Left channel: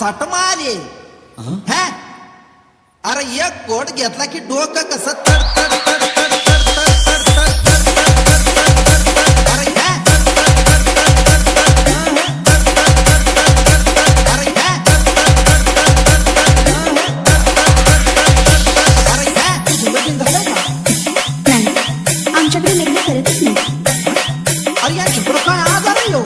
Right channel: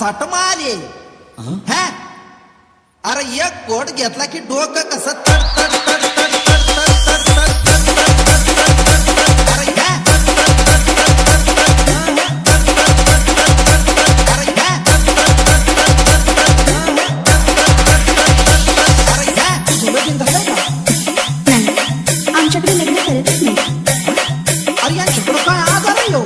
चाट मारे हा. अरे एक कोट घेतला की डोकं कसं तड तड तड तड तड तड तड तड तड तड तड तड. अरे हा. आमच्याकडे लग्न करतच नाही. अरे यांच्याकडं काय आजार आहे हो.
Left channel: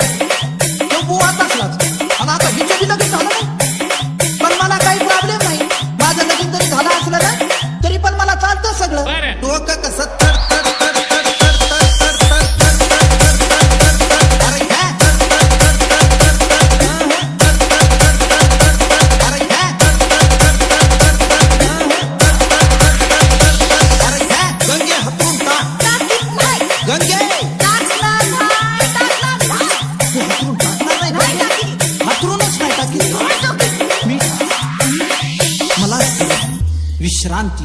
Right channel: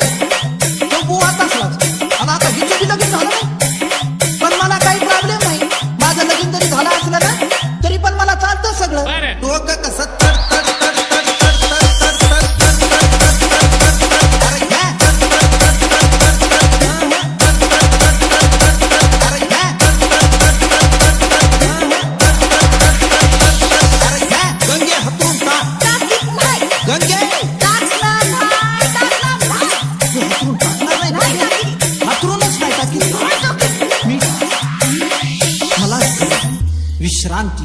तो बुवाच असलाच आणि आता हिचं बी लगीन झालं नाही. पण मला काही प्रॉब्लेम नाही. माझं लगीन जरी झालं असलं ना तरी पण मला चालतं सगळं. डोकं कसं तड तड तड तड तड तड तड तड तड तड तड तड तड. अरे हा. अरे हा. अरे हा. गंगे हातरून टाक. गंगे तू हातरून टाकणार नाही गंगे. हातरूनच नाही टाकी मी मला विश्रांती.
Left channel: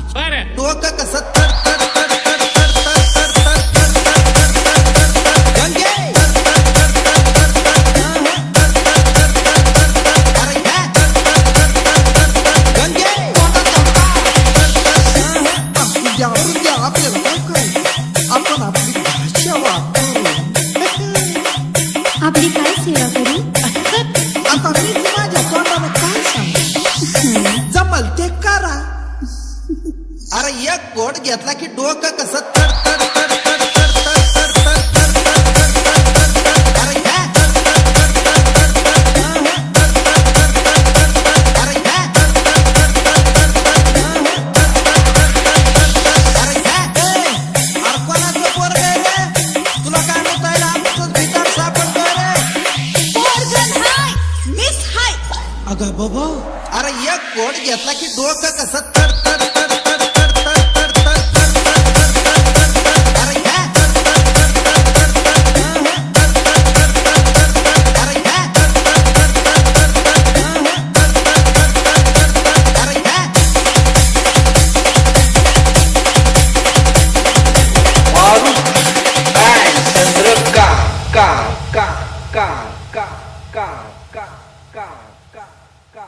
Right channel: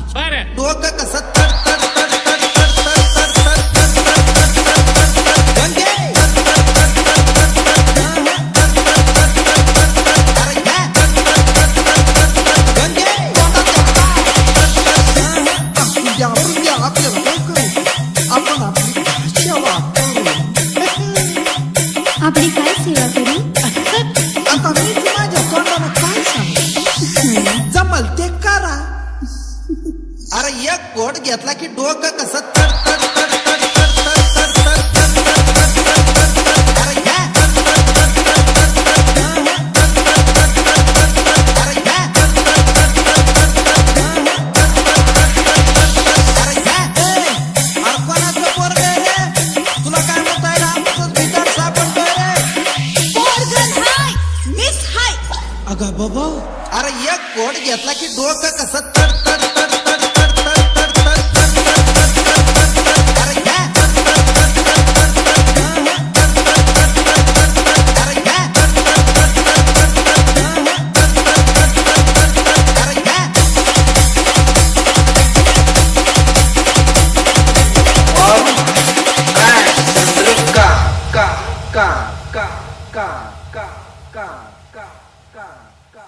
डोकं कसं तड तड तड तड तड तड तड तड तड तड तड तड. गंगे अरे हा. गंगे द्या आपल्याला काय करायचं. आपण आपली भाषा वापरू. आपली काय सेवा करू. आता मीच माझ्या तोंडानं काय सांगू. जमल ते करा. अरे एक कोट घेतला की डोकं कसं तड तड तड तड तड तड तड तड तड तड तड तड तड. अरे हा. अरे हा. अरे हा. अरे कोणाचं पोरग रे. तुला काय मुतायला आमचंच भीतर सापडतोय रे. Miss hi. अगं बाबा. अरे एक कोट घेतला की डोकं कसं तड तड तड तड तड तड तड तड तड तड तड तड तड. अरे हा. अरे हा. अरे हा. Maruf and Chandra ka ka ka ka ka ka ka ka ka ka